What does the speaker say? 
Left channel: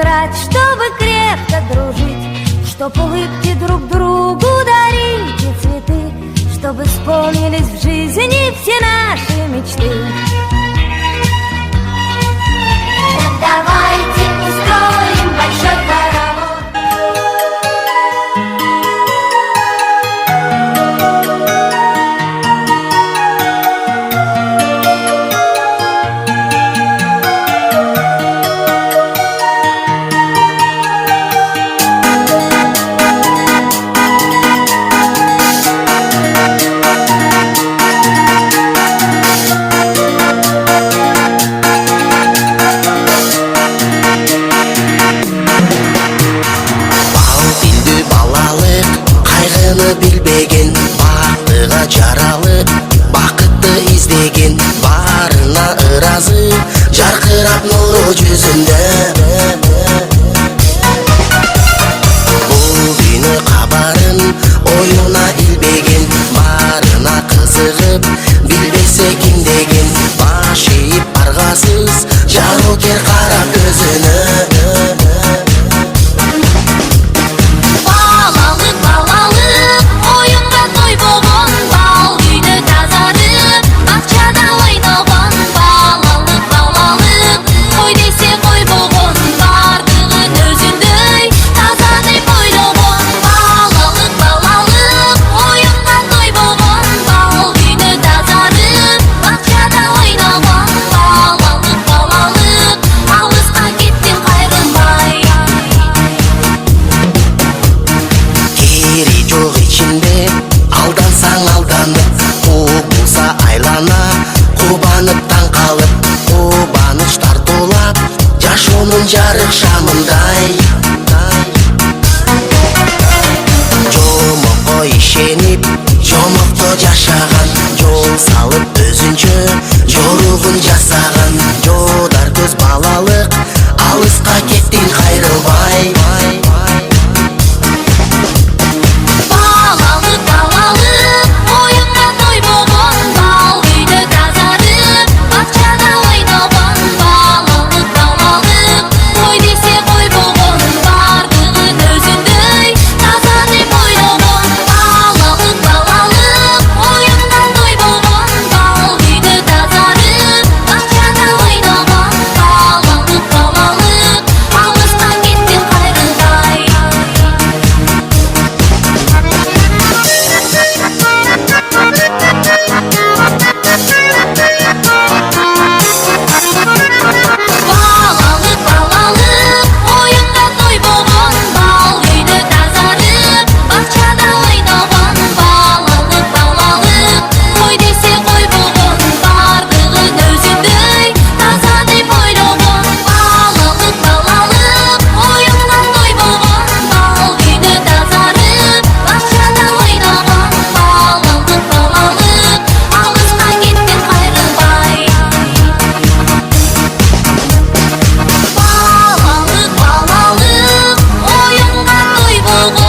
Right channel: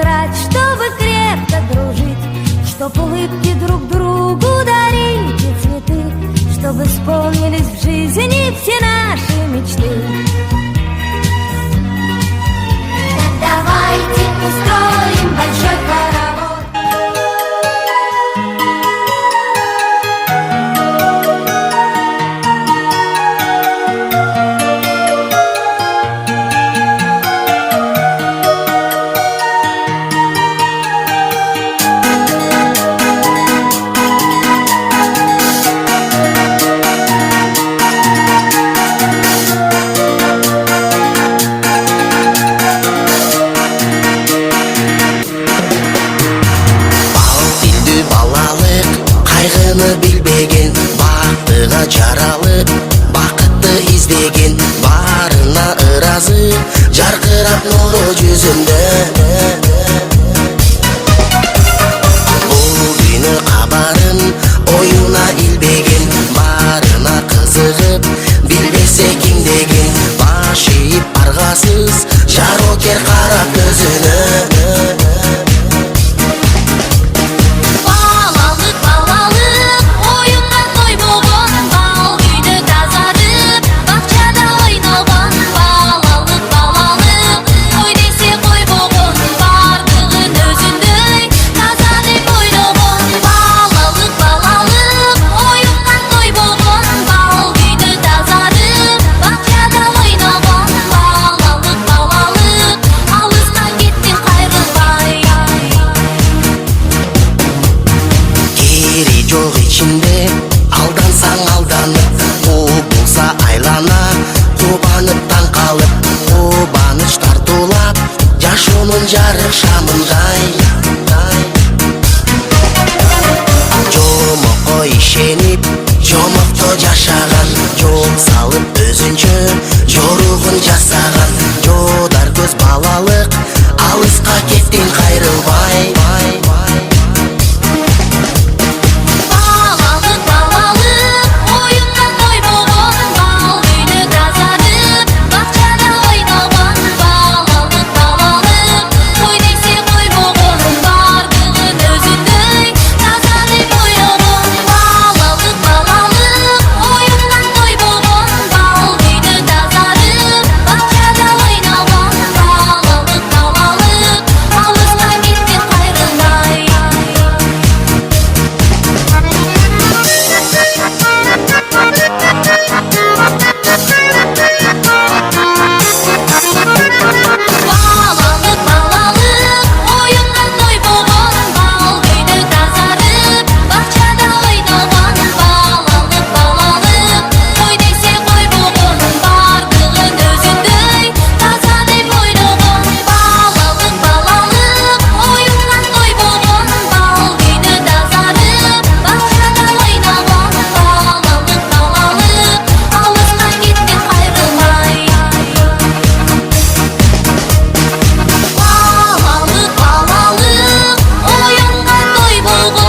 тетрадь, чтобы крепко дружить, чтоб улыбки друг другу дарить и цветы, чтобы исполнились в жизни все наши мечты. Давайте устроим большой хоровод. Балалык кайгыны билбеген, бактыга жаралып бакытты издеген, баарына ыраазы жаркырап нуру жүзүндө. Бул күнү кабарын оюна илбеген, баарына кызыгып билбесе ким деген, баш ийип аргасыз жарокер кара көзүнө. Жок ичинде алдансаң алданып, куу болса айлана, кубанып таң калып, кубаныч тартуулап жашоонун жарык шамындай. Жомокко ишенип, жомокто жашаган, жол салып өзүнчө жоругун жасаган, жодар көз балалык, алыска кеттиң кайрылбай. Oyunga toy болгон